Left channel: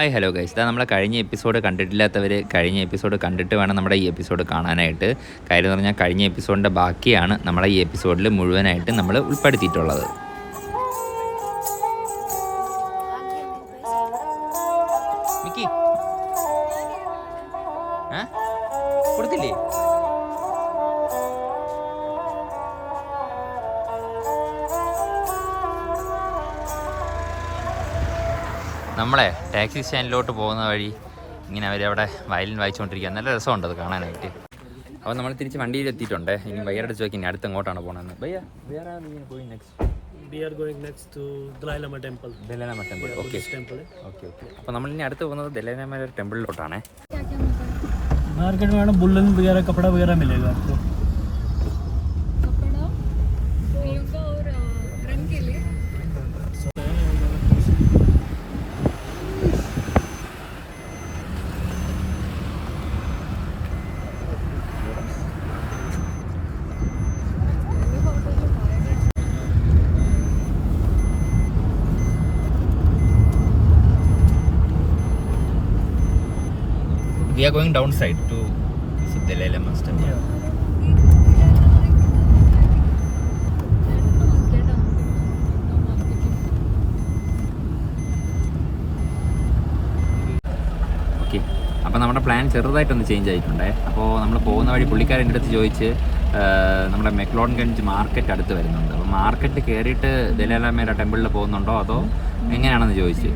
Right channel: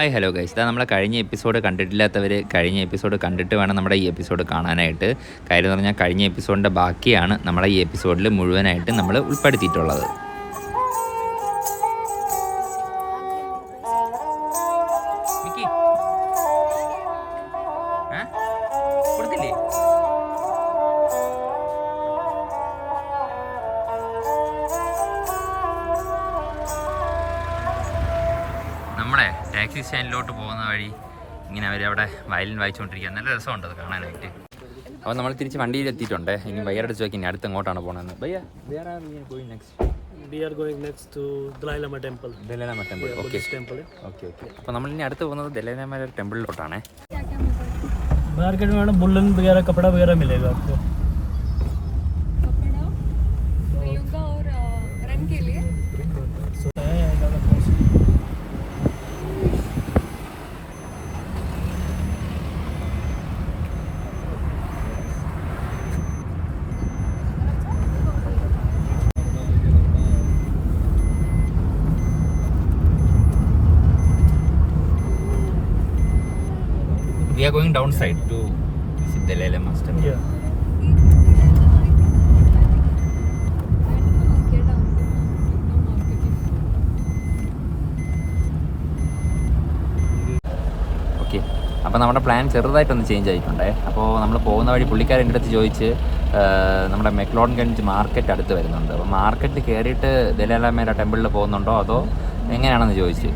Hi hello guys, ഇതാ നമ്മളെ കഴിഞ്ഞ എപ്പിസോഡ് കണ്ടിട്ടില്ലാത്തവർ കഴിഞ്ഞ എപ്പിസോഡ് കണ്ടിട്ട് വേണം നമ്മുടെ ഈ എപ്പിസോഡ് കാണാനായിട്ട്. കാര്യം എന്ന് പറഞ്ഞാൽ കഴിഞ്ഞ എപ്പിസോഡിൻ്റെ ബാക്കിയാണ് നമ്മളെ ഈ എപ്പിസോഡിൽ മുഴുവനായിട്ട് നമ്മൾ ഉൾപ്പെടുത്തിയിട്ടുള്ളത്. നമ്മളെ ടാക്സി സ്റ്റാൻഡിലോട്ട് പോകുന്ന വഴി ഇങ്ങനെ അവരവിടെ വയലിൻ വായിച്ചുകൊണ്ടിരിക്കുക. നല്ല രസമുണ്ട് അത് കാണാനായിട്ട്. അപ്പോൾ നമ്മൾ തിരിച്ച് വണ്ടിയിൽ എത്തിയിട്ടുണ്ട്. ഇനി ബയ്യറുടെ ചോദിക്കും ഇനി അടുത്ത് എങ്ങോട്ടാണ് പോകുന്നത്. ബയ്യ വേറെ next We are going next to Dalai Lama temple. Dalai Lama temple. Okay. Okay. അപ്പോൾ നമ്മൾ ഇനി അടുത്ത് പോകുന്നത് Dalai Lama ടെമ്പിളിലോട്ടാണ്. मार्केट में बुल्लन वगैरह कपड़ा वगैरह मिलेगा आपको. कपड़ा और रंग के लिए. We are going downside to Dalai Lama temple. Yeah. Okay, അപ്പോൾ നമ്മുടെ പ്ലാൻ ചെറുതായിട്ടൊന്ന് ചേഞ്ച് ആയിട്ടുണ്ടേ. അപ്പോൾ നമ്മൾ പോകുന്ന വഴി പുള്ളിക്കാരൻ എൻ്റെ അടുത്ത് ചോദിച്ച് നമ്മുടെ മെക്ലോഡൻഗഞ്ച് മാർക്കറ്റ് അടുത്ത് വരുന്നുണ്ട്. അപ്പോൾ മാർക്കറ്റിൽ കയറിയിട്ട് ദലൈ ലാമയുടെ ടെമ്പിളിൽ പോകുന്നുണ്ടോ അതോ എങ്ങനെയാണെന്ന് ചോദിച്ച്.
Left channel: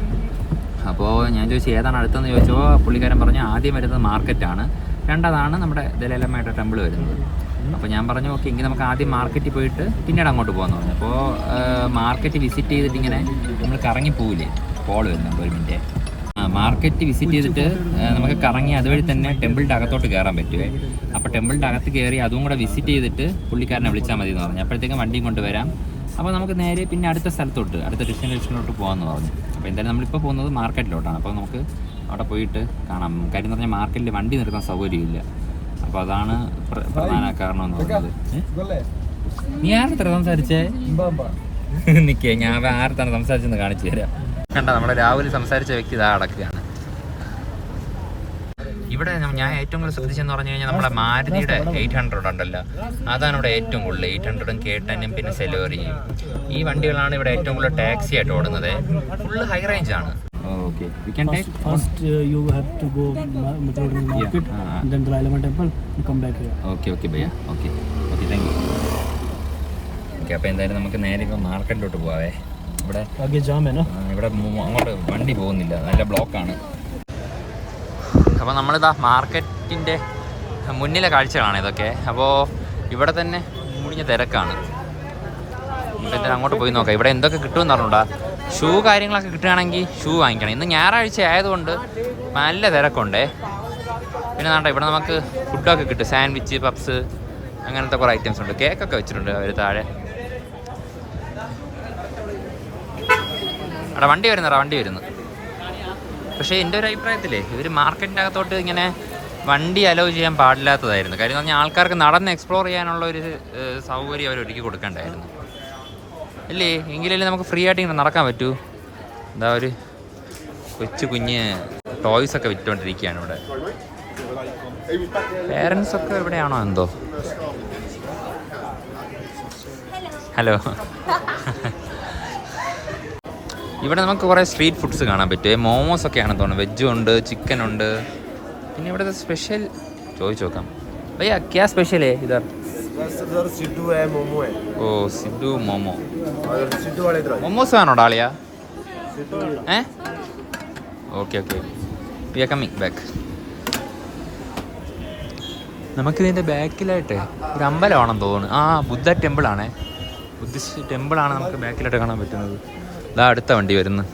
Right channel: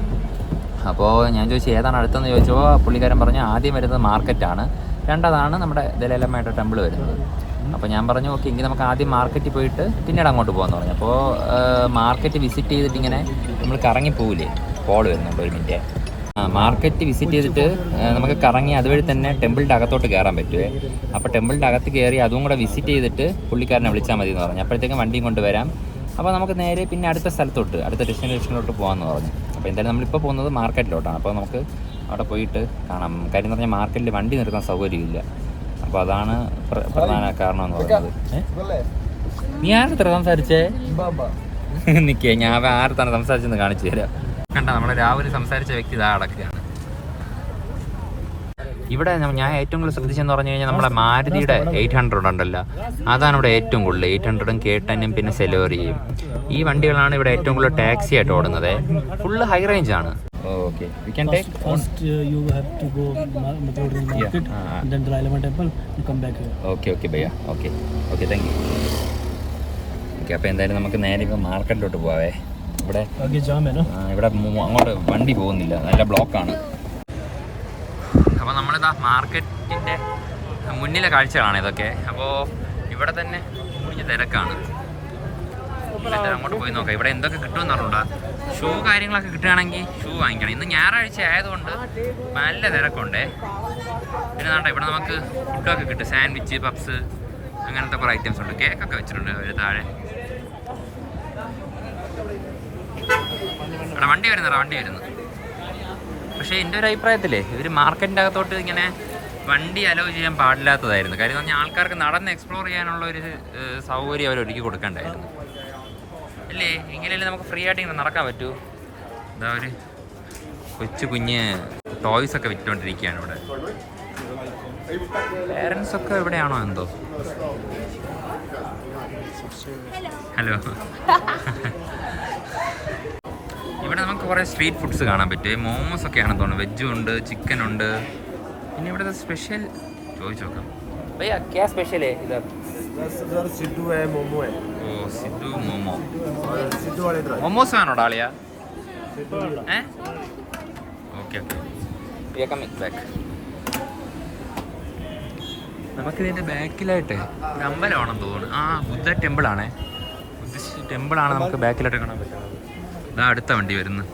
അപ്പോൾ ഞാൻ ചോദിച്ചു ഏതാണ് അടുത്തെന്ന് ചോദിച്ചപ്പോൾ പുള്ളിക്കാരൻ പറഞ്ഞു ആദ്യം വരുന്നത് മാർക്കറ്റാണ്, രണ്ടാമതാണ് നമ്മുടെ ദലൈ ലാമയുടെ ടെമ്പിൾ വരുന്നത്. അപ്പോൾ ഞാൻ പറഞ്ഞു ഓക്കെ എങ്കിൽ നമുക്ക് ആദ്യം മാർക്കറ്റിൽ പോയിട്ട് പിന്നീട് അങ്ങോട്ട് പോകാമെന്ന് പറഞ്ഞു. അപ്പോൾ മാർക്കറ്റ് വിസിറ്റ് ചെയ്തിട്ട് ഇങ്ങനെ നമ്മൾ കറങ്ങി പോവില്ലേ, കോൾ വരുന്നുണ്ട് ഒരു മിനിറ്റ്. മാർക്കറ്റ് വിസിറ്റ് ചെയ്തിട്ട് നമുക്ക് കറങ്ങി അതുവഴി തന്നെ ടെമ്പിളിൻ്റെ അകത്തോട്ട് കയറാൻ പറ്റുമേ. അപ്പോൾ ടെമ്പിളിൻ്റെ അകത്ത് കയറി അതും കൂടെ വിസിറ്റ് ചെയ്തിട്ട് പുള്ളിക്കാരനെ വിളിച്ചാൽ മതി എന്ന് പറഞ്ഞു. അപ്പോഴത്തേക്കും വണ്ടിയും കൊണ്ട് വരാം. അപ്പോൾ നമുക്ക് നേരെ പിന്നെ അടുത്ത സ്ഥലത്തോട്ട് അടുത്ത ഡെസ്റ്റിനേഷനിലോട്ട് പോകാമെന്ന് പറഞ്ഞു. അപ്പോൾ എന്തായാലും നമ്മളിപ്പോൾ പോകുന്നത് മാർക്കറ്റിലോട്ടാണ്. അപ്പോൾ നമുക്ക് അവിടെ പോയിട്ട് കാണാം. കാര്യം എന്ന് പറഞ്ഞാൽ മാർക്കറ്റിൽ വണ്ടി നിർത്താൻ സൗകര്യമില്ല. അപ്പോൾ അതാണ് പ്രധാന കാരണം എന്ന് പറയുന്നത്. നീ ആരത്ര സംസാരിച്ചേ? നിൽക്കേ, ഞാൻ ആരത്താണ് സംസാരിച്ചെന്ന് കാണിച്ചു തരാം. കണ്ട നമ്മുടെ രാവിലെ സംസാരിച്ച വ്യക്തി ഇതാ അടക്കുകയാണ്. ഇവിടെ ഞാൻ ഏറ്റവും കൂടുതൽ ശ്രദ്ധിച്ചെന്ന് പറഞ്ഞു കഴിഞ്ഞാൽ നമ്മുടെ മാരുതിയുടെ 800 ഉണ്ടല്ലോ, അതാണ് ഇവിടെ ഏറ്റവും കൂടുതൽ. 800ഉം K10ഉം പിന്നെ സെലോറിയും ഈ വണ്ടികളാണ് ഇവിടെ ഏറ്റവും കൂടുതൽ ടാക്സി ആയിട്ട് ഓടുന്നത്. ഫുള്ള് ഹൈ റേഞ്ച് ആണ്. Okay, we can take first you have to go Metropolitan market and then Dalai Lama temple and come back here. Okay ഭയ്യ. Okay, thank you. Okay, അപ്പോൾ എന്തായാലും നമുക്ക് നേരെ ഇപ്പോൾ മാർക്കറ്റിലോട്ട് പോവാവേ. ഇവിടെ ഇവിടെ അങ്ങോട്ട് വണ്ടി പോകുന്നില്ല, നല്ല ബ്ലോക്കാണ്. അപ്പോൾ നമ്മളിതാ മാർക്കറ്റിൻ്റെ മുന്നിലെ കാഴ്ചകളാണ് ഇതൊക്കെ. അപ്പോൾ ഇവിടെ തന്നെ തിരക്കാണ്. അങ്ങോട്ട് പോയി നോക്കാം ഇവിടെ എന്തൊക്കെ കിട്ടുമെന്ന് പറഞ്ഞൂടാ. ഷൂ കാര്യങ്ങളൊക്കെ കിട്ടുകയാണെങ്കിൽ ഷൂ വാങ്ങിക്കണം. ഇന്ന് ഞായറാഴ്ച ആയതുകൊണ്ട് നല്ല തിരക്കുണ്ടേ. പിന്നെ നാട്ടെ ഇവിടെ നമുക്ക് ഫുഡൊക്കെ കിട്ടും, സാൻഡ്വിച്ച്, പപ്സ്, അങ്ങനത്തെ കുറേ ഐറ്റംസ് ഉണ്ട്. കേക്കൊക്കെ വെച്ചിട്ടുണ്ട് ഒരു താഴെ. അവിടെ വണ്ടി വരുന്നു. പക്ഷേ എൻ്റെ ഒരു അഭിപ്രായത്തിലേ ഇവർ മാർക്കറ്റിൻ്റെ അകത്തോട്ട് ഇങ്ങനെ വണ്ടി അലോ ചെയ്യാൻ പാടില്ലാത്തതായിരുന്നു. കാര്യം എന്ന് പറഞ്ഞാൽ ആൾക്കാർക്ക് നടന്ന് എക്സ്പ്ലോർ ചെയ്യാനുള്ള ഒരു സൗകര്യം അവർ ഒരുക്കി കൊടുക്കേണ്ടായിരുന്നു ഇല്ലേ. എങ്കിലല്ലേ നമുക്ക് ഫ്രീ ആയിട്ട് ഇങ്ങനെ നടക്കാൻ പറ്റൂ. എന്താ ഒരു കുഞ്ഞ് ടോയ്സൊക്കെ വിറ്റുകൊണ്ടിരിക്കുകയാണ് ഇവിടെ. പേരൻസൊക്കെ എവിടെയാണോ എന്തോ. ഹലോ. ഇവിടെ നമുക്ക് കുറേ സ്ട്രീറ്റ് ഫുഡ്സ് കാണാൻ പറ്റും. മോമോസൊക്കെയാണെന്ന് തോന്നുന്നു. വെജും ഉണ്ട്, ചിക്കനുണ്ട്. പിന്നെ ഇവിടുത്തെ സ്പെഷ്യൽ ചോദിച്ചു നോക്കാം. ഭയ്യ ക്യാ സ്പെഷ്യൽ ഹേ ഇധർ? सिद्धू है, मोमो है. ഓ സിദ്ധു മോമോ. और सिद्धू वाले इधर. മോമോസ് ആണോ dalia? Okay we are coming back. നമുക്കിതിൻ്റെ ബാക്കിലായിട്ട് ഇത് അമ്പലമാണെന്ന് തോന്നുന്നു. ബുദ്ധ ടെമ്പിളാണേ. ബുദ്ധിസ്റ്റ് ടെമ്പിളാണ് നമുക്ക് ബാക്കിലായിട്ട് കാണാൻ പറ്റുന്നത്. ഇതാ അടുത്ത വണ്ടി വരുന്നു.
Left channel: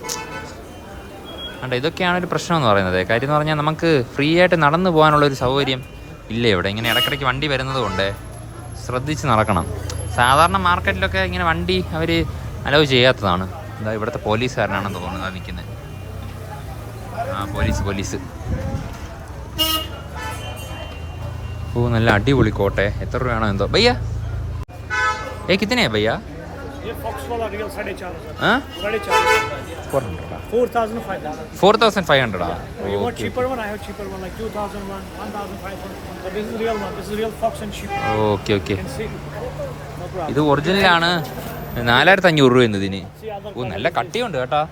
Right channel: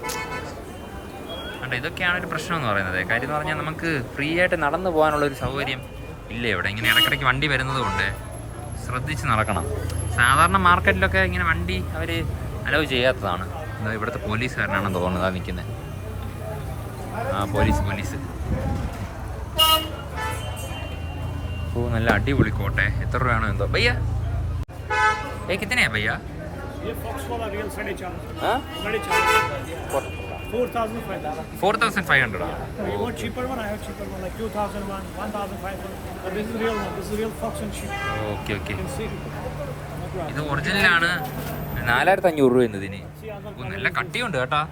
അണ്ട ഇതൊക്കെയാണ് ഒരു പ്രശ്നം എന്ന് പറയുന്നത്. കാര്യം എന്ന് പറഞ്ഞാൽ നമുക്ക് ഫ്രീ ആയിട്ട് നടന്നു പോകാനുള്ളൊരു സൗകര്യം ഇല്ല ഇവിടെ. ഇങ്ങനെ ഇടയ്ക്കിടയ്ക്ക് വണ്ടി വരുന്നത് കൊണ്ട് ശ്രദ്ധിച്ച് നടക്കണം. സാധാരണ മാർക്കറ്റിലൊക്കെ ഇങ്ങനെ വണ്ടി അവർ അലോ ചെയ്യാത്തതാണ്. എന്താ ഇവിടുത്തെ പോലീസുകാരനാണെന്ന് തോന്നുന്നത് ആ നിൽക്കുന്നത്. പോലീസ്. ഓ നല്ല അടിപൊളി കോട്ടെ. എത്ര രൂപയാണോ എന്തോ. ഭയ്യ കിത്തനെയാ ഭയ്യ? ये फॉक्स वाला रियल 4.5. हाँ 4.5. 4,500. 4,500. You want cheaper one? I have cheaper one, like 2,001, 1,500. But this is real one. This is real fox and sheep. Okay okay. You can see. No problem. ഇത് ഒറിജിനലാണ്. 4,500 രൂപ എന്നതിന്. ഓ നല്ല കട്ടിയുണ്ട് കേട്ടാ.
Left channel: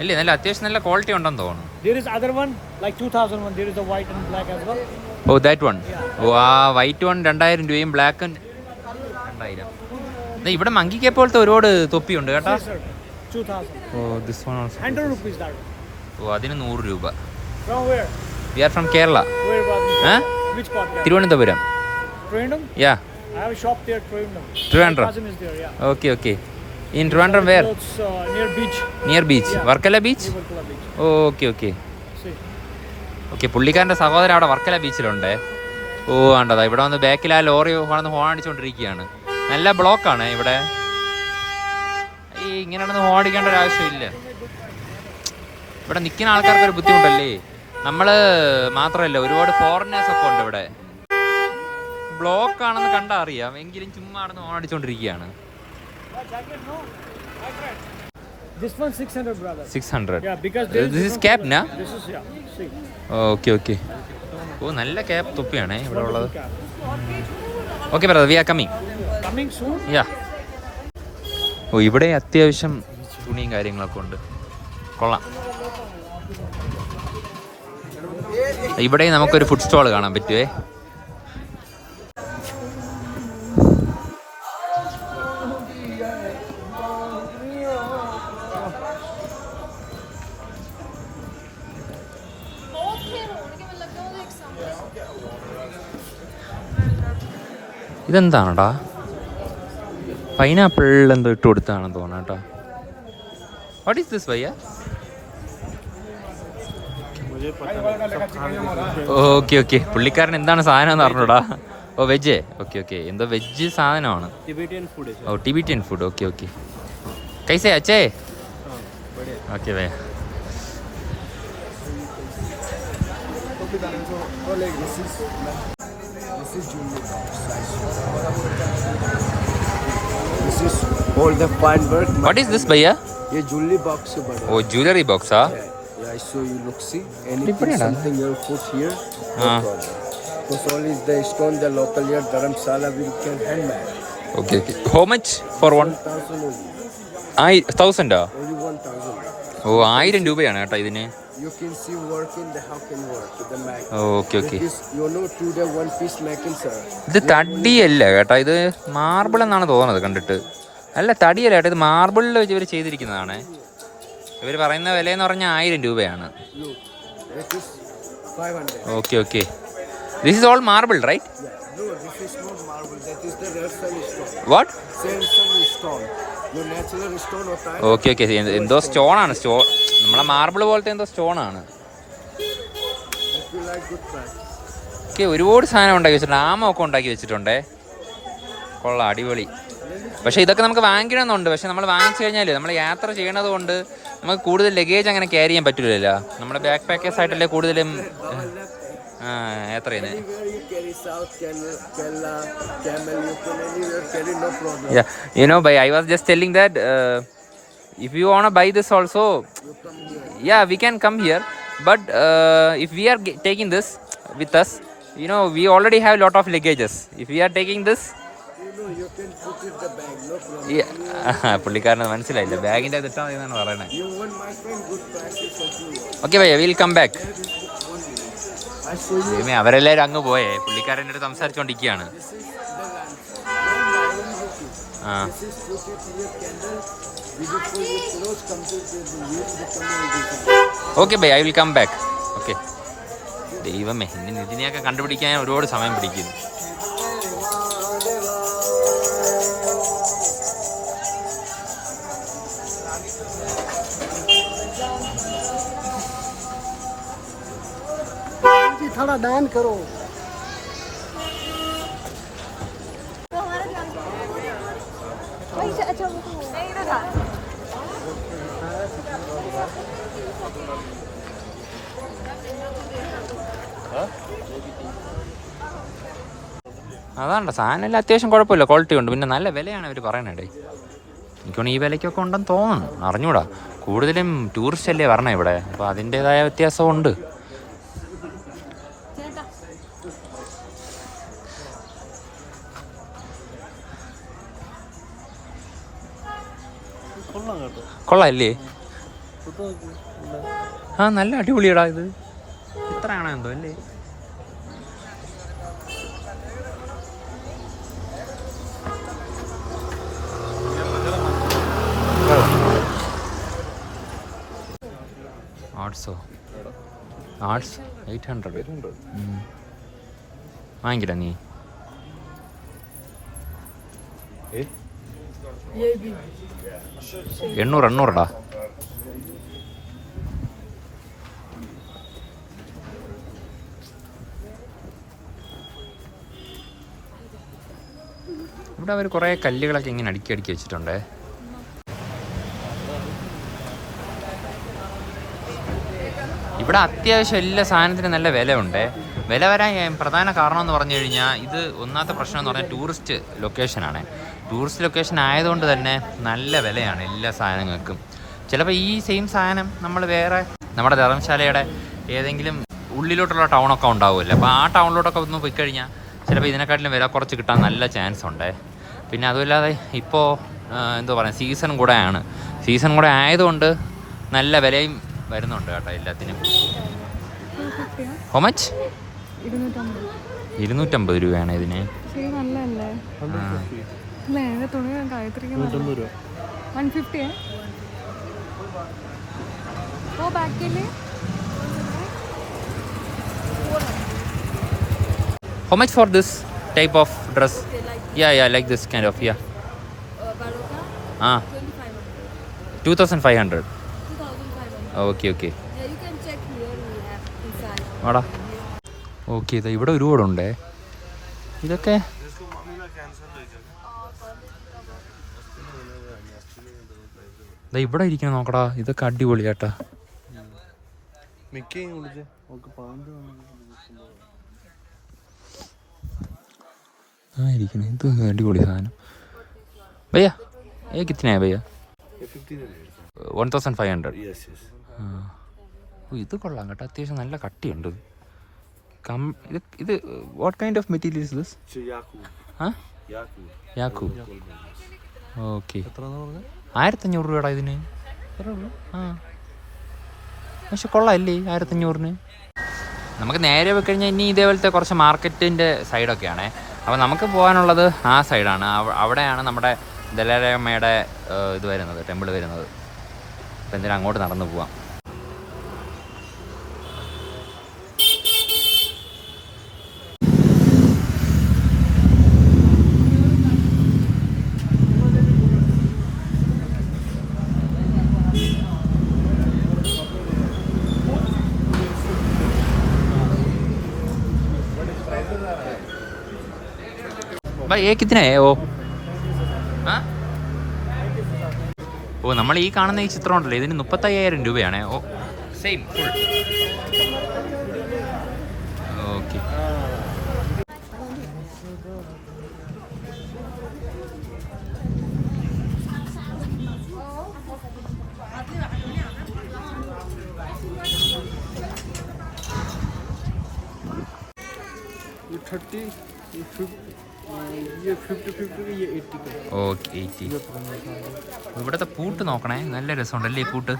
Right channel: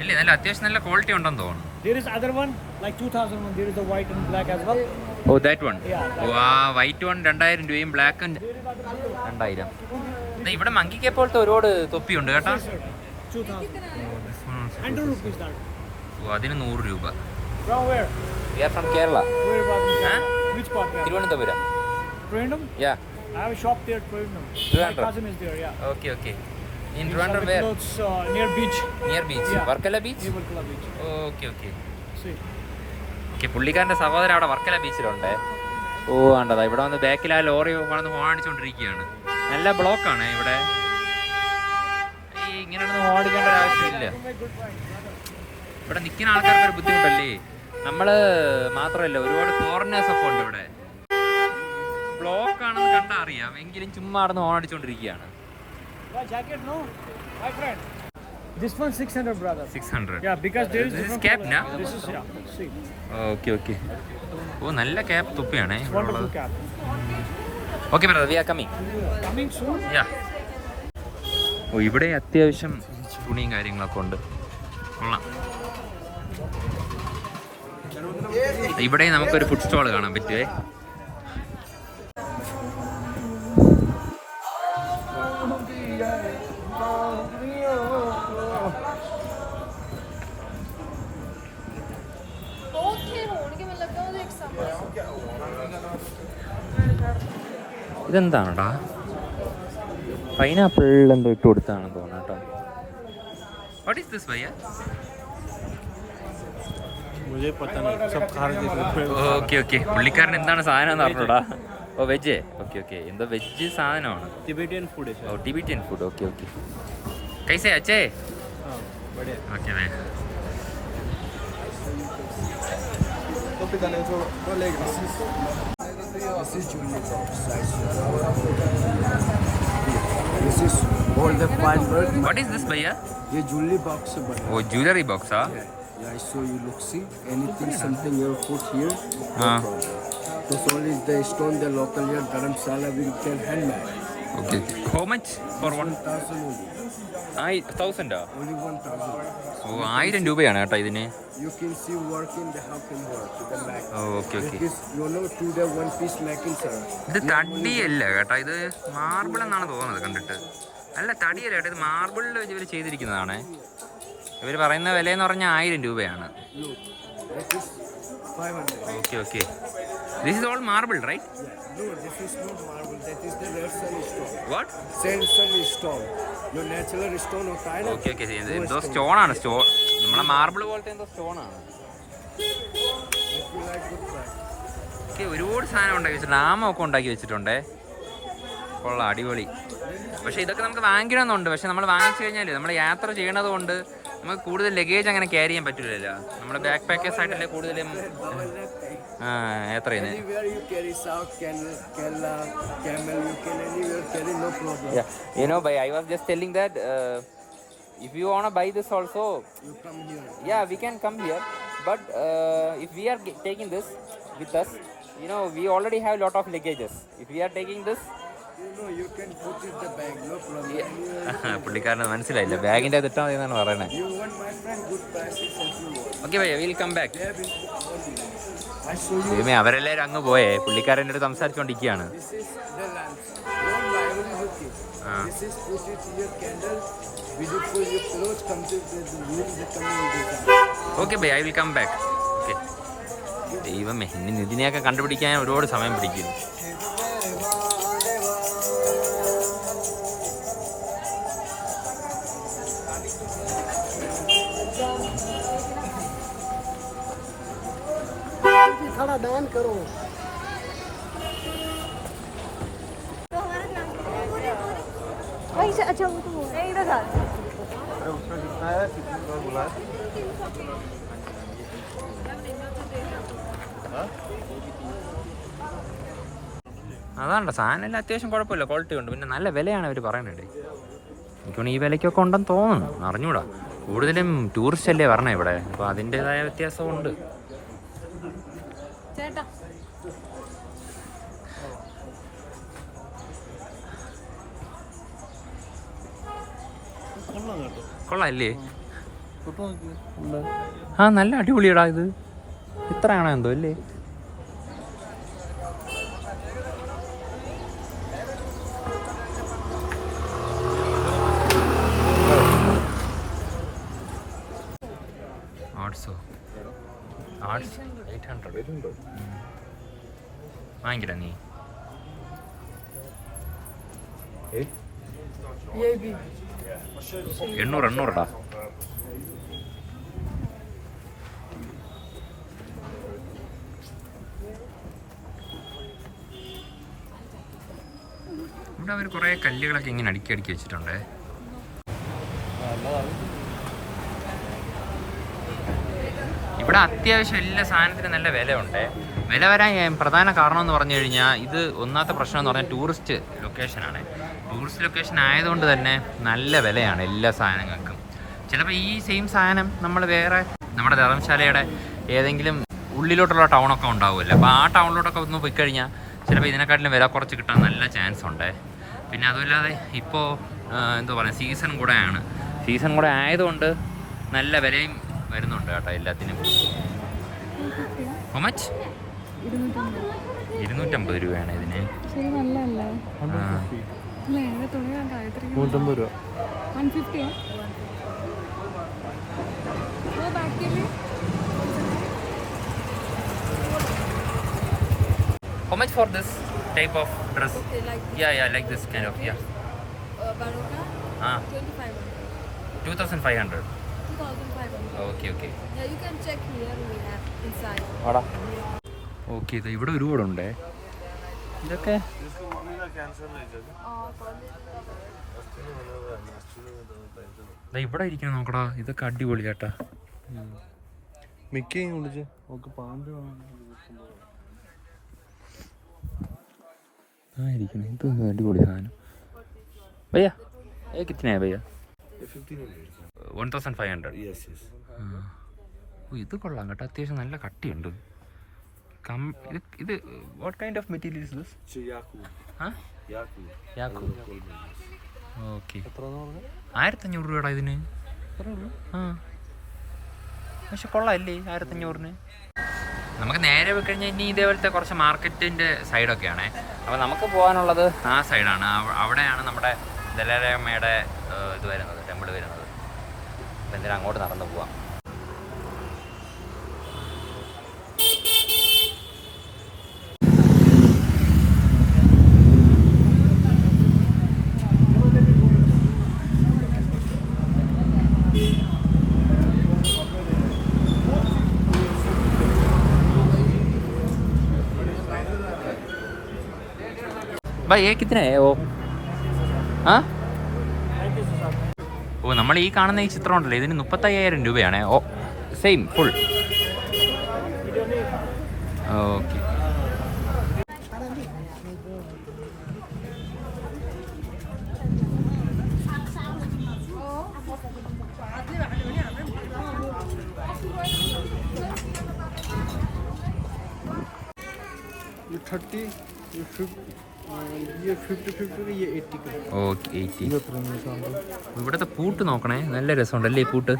ഇല്ലേ, നല്ല അത്യാവശ്യം നല്ല ക്വാളിറ്റി ഉണ്ടെന്ന് തോന്നുന്നു. There is other one, like 2,001. There is the white and black as well. Oh that one. Oh ah white one 2,000 രൂപയും ബ്ലാക്ക് 2,000. ഇവിടെ മങ്കി കേപ്പ് പോലത്തെ ഒരുപാട് തൊപ്പിയുണ്ട് കേട്ടാ. Yes, sir. 2,000. Oh this one also. 100 rupees that. ഓ അതിന് 100 രൂപ. From where? We are from Kerala. Where about? Huh? Which part? Kerala? Thiruvananthapuram. Trivandrum? Yeah. I have a shop there, Trivandrum. Trivandrum. My cousin is there, yeah. Okay okay. In Trivandrum where? Clothes, near beach. Near beach. Yeah. Varkala beach? Near Varkala beach. Okay okay See. Okay. പുള്ളിക്കാരൻ്റെ സഹോദരൻ അവിടെ വർക്കല ബീച്ചിലുണ്ട്. ഓ ആണ്ടതാ ഇവിടെ വന്ന് ബാക്കിൽ ആ lorry വന്ന് horn അടിച്ചുകൊണ്ടിരിക്കുകയാണ്. നല്ല ബ്ലോക്കാണ് ഇവിടെ. ഈ ഇങ്ങനെയാണെന്ന് ഹോൺ അടിക്കേണ്ട ഒരു ആവശ്യമില്ല. ഇവിടെ നിൽക്കുന്ന ആൾക്കാർക്ക് ഒരു ബുദ്ധിമുട്ടല്ലേ. നമ്മൾ മാത്രമല്ല, ഒരുപാട് ഫോറിനേഴ്സ് ഒക്കെ ഉണ്ട് ഇവിടെ. ബ്ലോക്ക് ആണെന്ന് കണ്ടാൽ അറിയാം, എങ്കിലും ചുമ്മാ നടന്ന് horn അടിച്ചുകൊണ്ടിരിക്കുകയാണ്. This one 600, brother. 600. Yeah, because there is. This is different cap, color. na? This is, yeah. See. Okay okay. ഓ നല്ല ക്യാപ്പ് തൊപ്പിയാണേ ഇവിടെ ഉള്ളത്. Wonderful cap. Okay brother, we are coming. Coming soon. Yeah. ഓ ഇവിടെ അത്യാവശ്യം തുണിയും കാര്യങ്ങളൊക്കെ ഉണ്ട്. കൊള്ളാം. ഇവിടെ നമുക്കൊരു ഫുഡ് സ്റ്റോൾ കാണാൻ പറ്റുമേ. ഇതെന്താണടാ? പൈനാപ്പിൾ എന്തോ ഇട്ട് കൊടുത്താണെന്ന് തോന്നുന്നു കേട്ടോ. What is this bhaiya? Okay okay. പുള്ളിക്കാരൻ എന്താണ് സാധനം എന്ന് പറഞ്ഞോടാ. Oh veg. Okay okay. എന്തോ വെജ് സാധനമാണ്. Tibetan food is. Oh Tibetan food. Okay okay. കൈസേ അച്ഛേ? बढ़िया. Okay bhaiya. This is jewelry box size. This is all the fine work. What is this bhaiya? ये jewelry box से बड़ा. ഓ ജ്വല്ലറി ബോക്സാ? Yeah, I show you. Look, see anything, Different, huh? something you put here. Ah. This only is the stone. The local here Dharamsala we can handmade. Okay okay. How much for one? 1,000 only. 1,000? Only 1,000. ഓ 1000 രൂപയാണ് കേട്ടോ ഇതിന്. You can see work in the how can work with the mat. Okay okay. This you know to the one piece making sir. ഇത് തടിയല്ല കേട്ടോ, ഇത് marble എന്നാണ് തോന്നുന്നത് കണ്ടിട്ട്. അല്ല തടിയല്ല കേട്ടോ, ഇത് മാർബിളിൽ വെച്ച് ഇവർ ചെയ്തിരിക്കുന്നതാണ്. ഇവർ പറയുന്ന വില എന്ന് പറഞ്ഞാൽ 1000 രൂപയാണ്. Look, that is 500. Okay okay. This is all marble right? Yeah. No, this is not marble. That is the red sandstone. What? Sandstone. Your natural stone होता है. Okay okay. എന്തോ സ്റ്റോണാണ്. നമ്മളെ മാർബിൾ പോലത്തെ എന്തോ സ്റ്റോണാണ്. ഓക്കെ. ഒരുപാട് സാധനം ഉണ്ടാക്കി വെച്ചിട്ടുണ്ട്. ആമൊക്കെ ഉണ്ടാക്കി വെച്ചിട്ടുണ്ടേ. കൊള്ളാം, അടിപൊളി. പക്ഷേ ഇതൊക്കെ നമുക്ക് വാങ്ങിക്കണമെന്നുണ്ട്. പക്ഷെ നമ്മൾ വാങ്ങിച്ചു കഴിഞ്ഞാൽ നമ്മൾ യാത്ര ചെയ്യണത് കൊണ്ട് നമുക്ക് കൂടുതൽ ലഗേജ് അങ്ങനെ ക്യാരി ചെയ്യാൻ പറ്റില്ലല്ലോ. നമ്മുടെ ബാക്ക് പാക്കേഴ്സ് ആയിട്ടല്ലേ കൂടുതലും യാത്ര ചെയ്യുന്നത്. Anywhere you carry south, Kerala, camel, you can anywhere carry, no problem. Yeah, you know, I was just telling that if you wanna buy this also, You come here. yeah, we can come here. But if we are taking this with us, you know, we already have a lot of luggages. If we are taking this, You know, you can put it the bag, no problem. yeah. പുള്ളിക്കാരന് മനസ്സിലായില്ല, ബാഗിൻ്റെ അത് ഇട്ടാൽ മതി എന്നാണ് പറയുന്നത്. You want my friend, good prices and you want. Okay bhaiya, will come back. There is only. I show you. ദൈവമേ, അവരെല്ലാവരും അങ്ങ് പോയേ. പുള്ളിക്കാരൻ്റെ അടുത്ത് സംസാരിച്ചുകൊണ്ടിരിക്കുകയാണ്. This is the lamp. Don't lie, look it. Ah. This is put it in your candle. Beautiful, your clothes come to the room, the coming. Okay bhaiya, I will come back. Okay. ദൈവമേ, ഇനി നിതിനെയൊക്കെ കണ്ടുപിടിക്കാൻ ഒരുപാട് സമയം പിടിക്കും. थोड़ा दान करो. അതാണ്ട സാധനം എല്ലാം അത്യാവശ്യം കുഴപ്പമില്ല, ക്വാളിറ്റി ഉണ്ട്. പിന്നെ നല്ല വിലയാണ് അവർ പറയണേ. എനിക്കൊന്ന് ഈ വിലയ്ക്കൊക്കെ ഉണ്ടെന്ന് തോന്നുന്നു, അറിഞ്ഞൂടാ. കൂടുതലും ടൂറിസ്റ്റ് അല്ലേ പറഞ്ഞ ഇവിടെ, അപ്പോൾ അതിൻ്റെതായ വ്യത്യാസമുണ്ട്. ചേട്ടാ കൊള്ളാല്ലേ? ആ നല്ല അടിപൊളിയടാ ഇത്. ഇത്രയാണോ എന്തോ അല്ലേ? ആർട്സോ? ആർട്സ് 800 വാങ്ങിക്കില്ല നീ? ये भी 800 ഇവിടെ അവർ കുറേ കല്ലുകളൊക്കെ ഇങ്ങനെ അടുക്കി അടുക്കി വെച്ചിട്ടുണ്ടേ. ഇവിടെ അത്യാവശ്യം എല്ലാ സാധനത്തിനും നല്ല വിലയുണ്ട്. വില വരാൻ പ്രധാന കാരണം എന്ന് പറഞ്ഞു കഴിഞ്ഞാൽ ഇത് ഒന്നാമത്തെ പ്രശ്നം എന്ന് പറഞ്ഞാൽ ടൂറിസ്റ്റ് ലൊക്കേഷനാണ്. ടൂറിസ്റ്റ് ലൊക്കേഷൻ ആയതുകൊണ്ട് തന്നെ നല്ല വിലയാണ് എല്ലാ സാധനങ്ങൾക്കും. ചിലപ്പോൾ ഈ സെയിം സാധനം നമ്മൾ വേറെ നമ്മുടെ ധർമ്മശാലയുടെ ഏതെങ്കിലും ഉള്ളിലോട്ടുള്ള ടൗണൊക്കെ ഉണ്ടാവുമല്ലോ, അപ്പോൾ ആ ടൗണിലോട്ടൊക്കെ ഒന്ന് പോയി കഴിഞ്ഞാൽ ചിലപ്പോൾ ഇതിനെക്കാട്ടിലും വില കുറച്ച് കിട്ടാൻ നല്ല ചാൻസ് ഉണ്ട്. പിന്നെ അതുമില്ലാതെ ഇപ്പോൾ എന്താ പറയുക, സീസൺ കൂടെ ആയതുകൊണ്ട് നല്ല വിലയും വരുന്നുണ്ട് കേട്ടോ എല്ലാത്തിനും. ഹോ മച്ച്? 250 രൂപയാണ് ഇതിന്. ശരി നല്ലല്ലേ? അല്ലേ ഇതിന്റെ തുണി ഞാൻ ₹150. 150 है वो बैग के लिए How much for this type of dress? okay like Yeah, like this kind of, yeah. baroka 2500 2500. 2500 Okay. yeah you can check here we have inside ആടാ ഓക്കെ. ഇതാ ഇവിടെ ഒരുപാടുണ്ടേ. ഇതൊക്കെ ഇവിടെ ഇരിക്കാൻ നോക്കടാ, ഇതൊക്കെ അടിപൊളിയാട്ടാ. ഇരിക്കണേ, ഇത് അടിപൊളി സാധനം. ഭയ്യ കിത്തനെയാ ഭയ്യ? 1500. ഇത് കൊള്ളാം കേട്ടോ, അത്യാവശ്യം നല്ല കട്ടിയുണ്ട്. ഇത് what kind of material is this? യാക്കു. ഓക്കെ. 1500 രൂപയുടെ ഇതിന്. ആ പക്ഷെ കൊള്ളാമല്ലേ 1500-ന്? നമുക്ക് നേരെ പോയി കഴിഞ്ഞാൽ ഇനി ഇതേപോലത്തെ കുറച്ച് മാർക്കറ്റിൻ്റെ സൈഡൊക്കെയാണേ. അപ്പോൾ നമുക്ക് പോകാനുള്ളത് ആ സൈഡാണ്. അവിടെയാണ് നമ്മുടെ ദലാലയമ്മയുടെ ഇത് വരുന്നത്, ടെമ്പിൾ വരുന്നത്. അപ്പം എന്തിനാ അങ്ങോട്ട് നടന്നു പോവാം. भाई ये कितने है वो? हाँ ഓ നമ്മൾ ഈ കാണുന്ന ഈ ചിത്രം ഉണ്ടല്ലോ, ഇതിന് 35,000 രൂപയാണ്. ഓ സെയിം ഫുൾ. ഓക്കെ. ये 30, ये 50 ये 80 का. ഓക്കെ 80. ഇവിടുത്തെ പൂട്ട് നോക്കണേ, നല്ല രസമുണ്ടല്ലേ ഈ പൂട്ട്.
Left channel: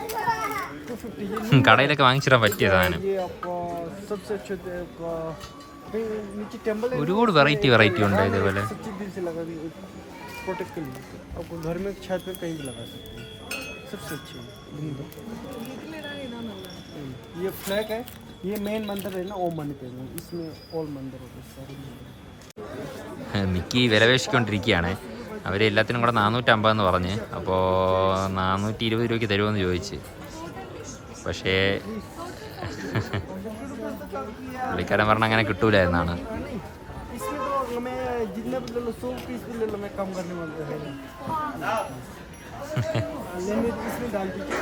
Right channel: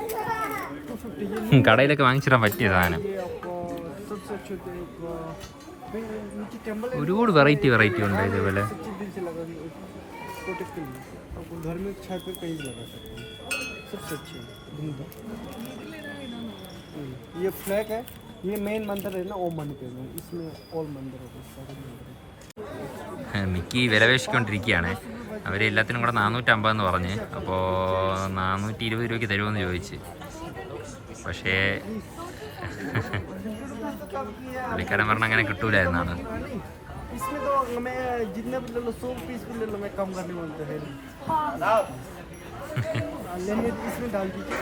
കടയിലൊക്കെ വാങ്ങിച്ചിടാൻ പറ്റിയ സാധനം. ഒരുപാട് വെറൈറ്റി ഉണ്ട് ഇതേപോലെ. ये फ्लैग है, ये मेन मंदिर है ना, ओम मनी पे इसमें ऑल मंदिर हो गए, सारे मंदिर. മിക്കി വിലപേക്ഷിക്കൊണ്ടിരിക്കുകയാണ്. അവർ എല്ലാത്തിനും കൂടെ 450 എന്ന് പറഞ്ഞ്. അപ്പോൾ 420 രൂപയ്ക്ക് തരുമെന്ന് ചോദിച്ച്. പക്ഷേ പുള്ളിക്കാരൻ പറഞ്ഞ അങ്ങനെ കിട്ടൂല എന്നാണ്. इसमें तो मैं जितना भी ले लो 100 पीस भी ले लो, मैं कम करने वाला है नहीं. लेने इसमें डाल दीजिए.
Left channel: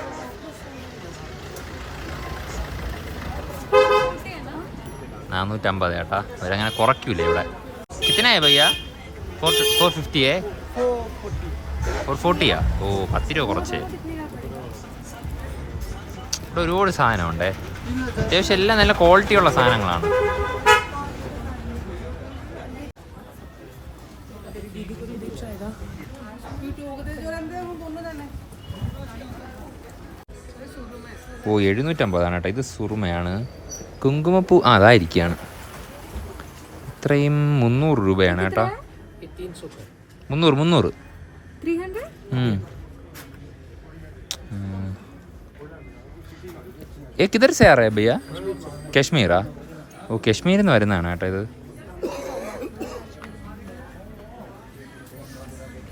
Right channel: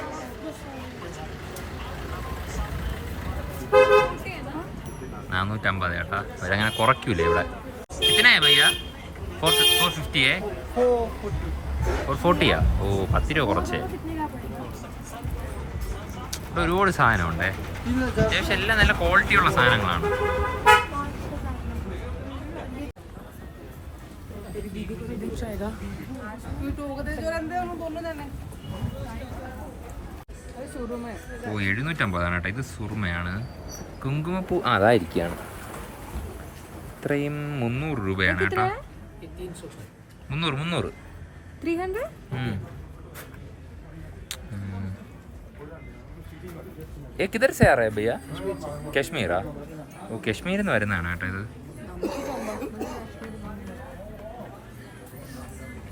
450 ചേട്ടാ, അവരങ്ങനെ കുറയ്ക്കൂലേ ഇവിടെ. കിത്തനായ ഭയ്യ? 450 440. और 40 ഓ 10 രൂപ കുറച്ചേ. ഇവിടെ ഒരുപാട് സാധനമുണ്ടേ. അത്യാവശ്യം എല്ലാം നല്ല ക്വാളിറ്റിയുള്ള സാധനങ്ങളാണ്. ഓ 750 കേട്ടോ. ഇത് സുറുമയാണ്. കുങ്കുമപ്പൂ അതായിരിക്കുകയാണ്. ഇത്രയും 300 രൂപയാണ് കേട്ടോ. 300. 300? ये किधर से आ रहा है भैया? कश्मीरा? ഓ കശ്മീരിൽ നിന്ന് വരുന്നതാണ് കേട്ടോ ഇത്.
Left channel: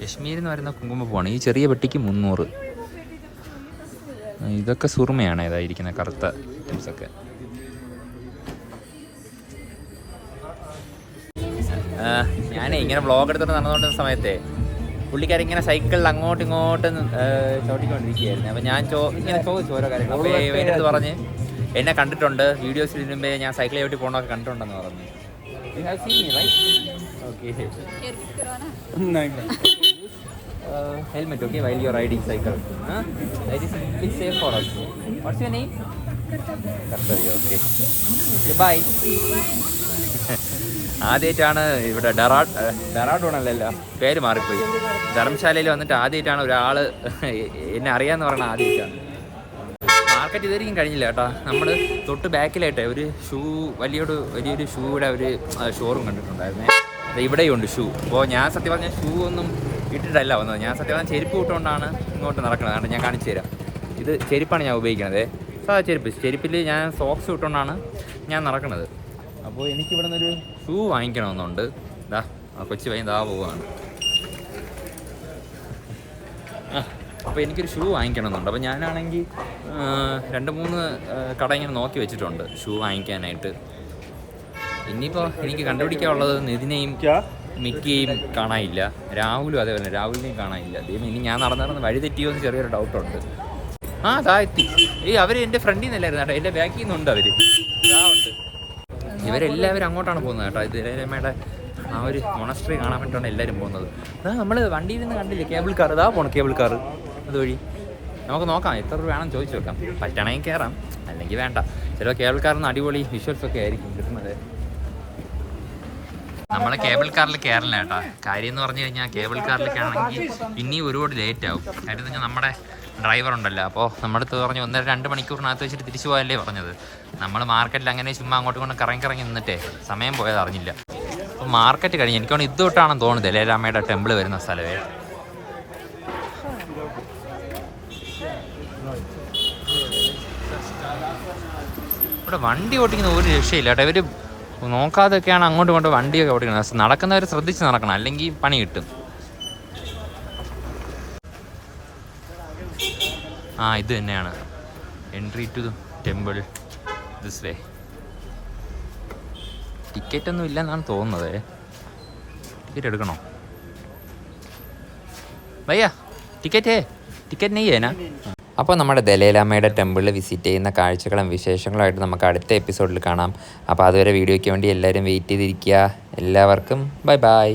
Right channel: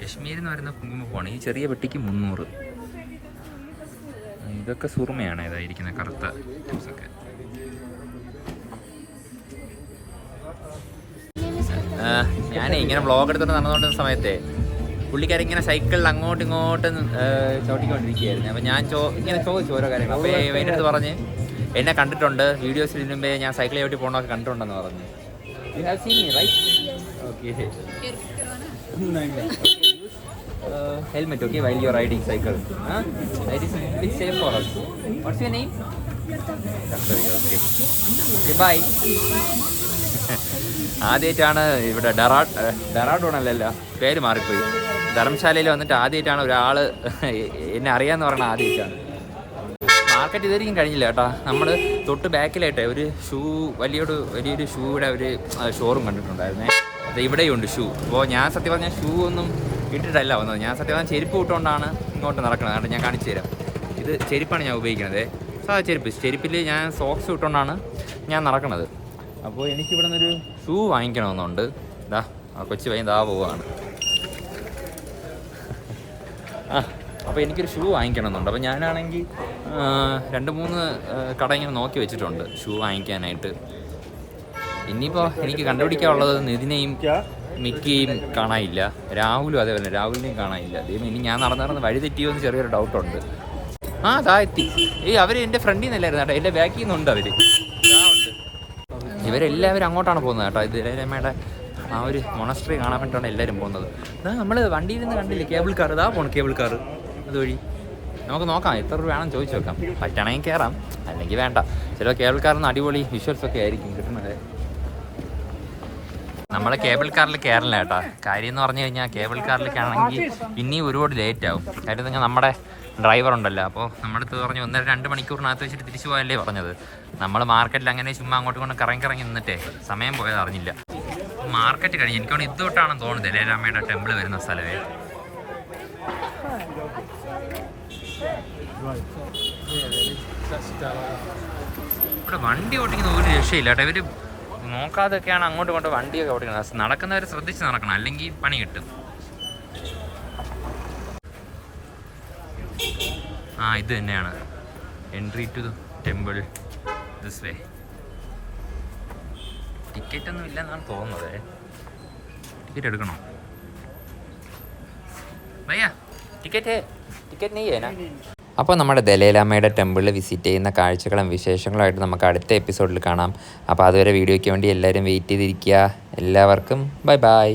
കശ്മീരിൽ നിന്ന് വരുന്ന കുങ്കുമപ്പൂവാണ്. ഈ ചെറിയ പെട്ടിക്ക് 300. ഇതൊക്കെ സുറുമയാണ്. ഇതായിരിക്കുന്ന കറുത്ത ഒക്കെ. ഞാനേ ഇങ്ങനെ വ്ളോഗ് എടുത്തിട്ട് നടന്നുകൊണ്ടിരുന്ന സമയത്തെ പുള്ളിക്കാരിങ്ങനെ സൈക്കിളിൽ അങ്ങോട്ടും ഇങ്ങോട്ടും ചവിട്ടിക്കൊണ്ടിരിക്കുകയായിരുന്നു. അപ്പം ഞാൻ ഇങ്ങനെ ചോദിച്ചു ഓരോ കാര്യങ്ങൾ. അപ്പോൾ എൻ്റെ അടുത്ത് പറഞ്ഞ് എന്നെ കണ്ടിട്ടുണ്ട്, വീഡിയോസിൽ മുമ്പേ ഞാൻ സൈക്കിൾ ചവിട്ടി പോകണമൊക്കെ കണ്ടിട്ടുണ്ടെന്ന് പറഞ്ഞു. You have seen me right? Okay. Helmet okay while you are riding cycle. That is little safe for us. What's your name? Kartavya. Okay okay bye. ആദ്യമായിട്ടാണ് ഇവിടെ ഡെറാഡൂണല്ലല്ലോ, പേര് മാറിപ്പോയി. ധർമ്മശാലയിൽ വന്നിട്ട് ആദ്യമായിട്ടാണ് ഒരാൾ എന്നെ അറിയാമെന്ന് പറയുന്നത്. ആദ്യമായിട്ടാണ്. മാർക്കറ്റ് ഇതുവരെയും കഴിഞ്ഞില്ല കേട്ടോ. നമ്മൾ തൊട്ട് ബാക്കിലായിട്ടേ ഒരു വലിയൊരു ഷൂയുടെ ഒരു ഷോറൂം കണ്ടിട്ടുണ്ടായിരുന്നേ. ഇവിടെയും ഉണ്ട് ഷൂ. അപ്പോൾ ഞാൻ സത്യം പറഞ്ഞാൽ ഷൂ ഒന്നും ഇട്ടിട്ടല്ല വന്നത്. ഞാൻ സത്യം പറഞ്ഞാൽ ചെരുപ്പ് ഇട്ടുകൊണ്ടാണ് ഇങ്ങോട്ട് നടക്കുന്നത്. അതുകൊണ്ട് ഞാൻ കാണിച്ചു തരാം. ഇത് ചെരുപ്പാണ് ഞാൻ ഉപയോഗിക്കുന്നത്. സാധാ ചെരുപ്പിൽ ഞാൻ സോക്സ് ഇട്ടുകൊണ്ടാണ് ഞാൻ നടക്കുന്നത്. അപ്പോൾ എനിക്കിവിടെ നിന്നൊരു ഷൂ വാങ്ങിക്കണമെന്നുണ്ട്. ഇതാ കൊച്ചു പയ്യൻ ദാ പോവാണ്. അപ്പോൾ എനിക്കൊരു ഷൂ വാങ്ങിക്കണമെന്നുണ്ട്. അപ്പോൾ ഞാനാണെങ്കിൽ 2-3 കട ഇങ്ങനെ നോക്കി വെച്ചിട്ടുണ്ട് ഷൂ വാങ്ങിക്കാനായിട്ട്. ഇനിയിപ്പോൾ എനിക്ക് കണ്ടുപിടിക്കാനുള്ളത് നിതിനെയും മിക്കിയും കാണാനില്ല. രാഹുലും അതേപോലെ രാഹുലിനെയും കാണാനില്ല. ദൈവം ഇനി ഞാൻ നടന്ന് വഴി തെറ്റിയോ എന്ന് ചെറിയൊരു ഡൗട്ടുണ്ട്. അതാ എത്തി. അവർ എൻ്റെ ഫ്രണ്ടിൽ നിന്നല്ലായിരുന്നു കേട്ടോ, എൻ്റെ ബാക്കിൽ നിന്നുണ്ട് അവർ. ഉണ്ട്. ഇവരെല്ലാവരും അങ്ങോട്ടാണ് പോകുന്നത് കേട്ടോ. ഇത് ദലൈലാമയുടെ ആ ഒരു മൊണസ്ട്രി കാണാൻ വേണ്ടിയിട്ടാണ് എല്ലാവരും പോകുന്നത്. അതാ നമ്മൾ വണ്ടിയിൽ നിന്ന് കണ്ടില്ലേ കേബിൾ കാർ, ഇതാ പോണം കേബിൾ കാർ അതുവഴി. നമുക്ക് നോക്കാം എത്ര രൂപ വേണം ചോദിച്ചു നോക്കാം. പറ്റണമെങ്കിൽ കയറാം, അല്ലെങ്കിൽ വേണ്ട. ചില കേബിൾ കാറിന് അടിപൊളി വിഷ്വൽസ് ഒക്കെ ആയിരിക്കും കിട്ടുന്നത്. നമ്മൾ കേബിൾ കാറിൽ കയറില്ല കേട്ടോ. കാര്യം എന്ന് പറഞ്ഞു കഴിഞ്ഞാൽ കേബിൾ കാറിലേക്കാണെങ്കിൽ ഇനിയും ഒരുപാട് ലേറ്റ് ആവും. കാര്യം നിങ്ങൾ നമ്മുടെ ഡ്രൈവർ ഉണ്ടല്ലോ, അപ്പോൾ നമ്മുടെ അടുത്ത് പറഞ്ഞു 1-2 മണിക്കൂറിനകത്ത് വെച്ചിട്ട് തിരിച്ചു പോയല്ലേ പറഞ്ഞത്. നമ്മൾ മാർക്കറ്റിൽ അങ്ങനെ ചുമ്മാ അങ്ങോട്ടും ഇങ്ങോട്ടും കറങ്ങി നിന്നിട്ടേ സമയം പോയത് അറിഞ്ഞില്ല. അപ്പോൾ മാർക്കറ്റ് കഴിഞ്ഞ് എനിക്കോണ്ട് ഇത് തൊട്ടാണെന്ന് തോന്നുന്നത് ദലൈലാമയുടെ ടെമ്പിൾ വരുന്ന സ്ഥലമേ. ഇവിടെ വണ്ടി ഓടിക്കുന്ന ഒരു രക്ഷയില്ല കേട്ടോ. ഇവർ നോക്കാതൊക്കെയാണ് അങ്ങോട്ടും ഇങ്ങോട്ടും വണ്ടിയൊക്കെ ഓടിക്കുന്നത്. നടക്കുന്നവർ ശ്രദ്ധിച്ച് നടക്കണം, അല്ലെങ്കിൽ പണി കിട്ടും. ഇത് തന്നെയാണ് entry to temple this way. Ticket ഒന്നും ഇല്ലെന്നാണ് തോന്നുന്നത്. ടിക്കറ്റ് എടുക്കണോ ഭയ്യ? ടിക്കറ്റ് നെയ്യേനാ? അപ്പോൾ നമ്മുടെ ദലൈലാമയുടെ ടെമ്പിളിൽ വിസിറ്റ് ചെയ്യുന്ന കാഴ്ചകളും വിശേഷങ്ങളുമായിട്ട് നമുക്ക് അടുത്ത എപ്പിസോഡിൽ കാണാം. അപ്പോൾ അതുവരെ വീഡിയോയ്ക്ക് വേണ്ടി എല്ലാവരും വെയിറ്റ് ചെയ്തിരിക്കുക. എല്ലാവർക്കും ബൈ ബൈ.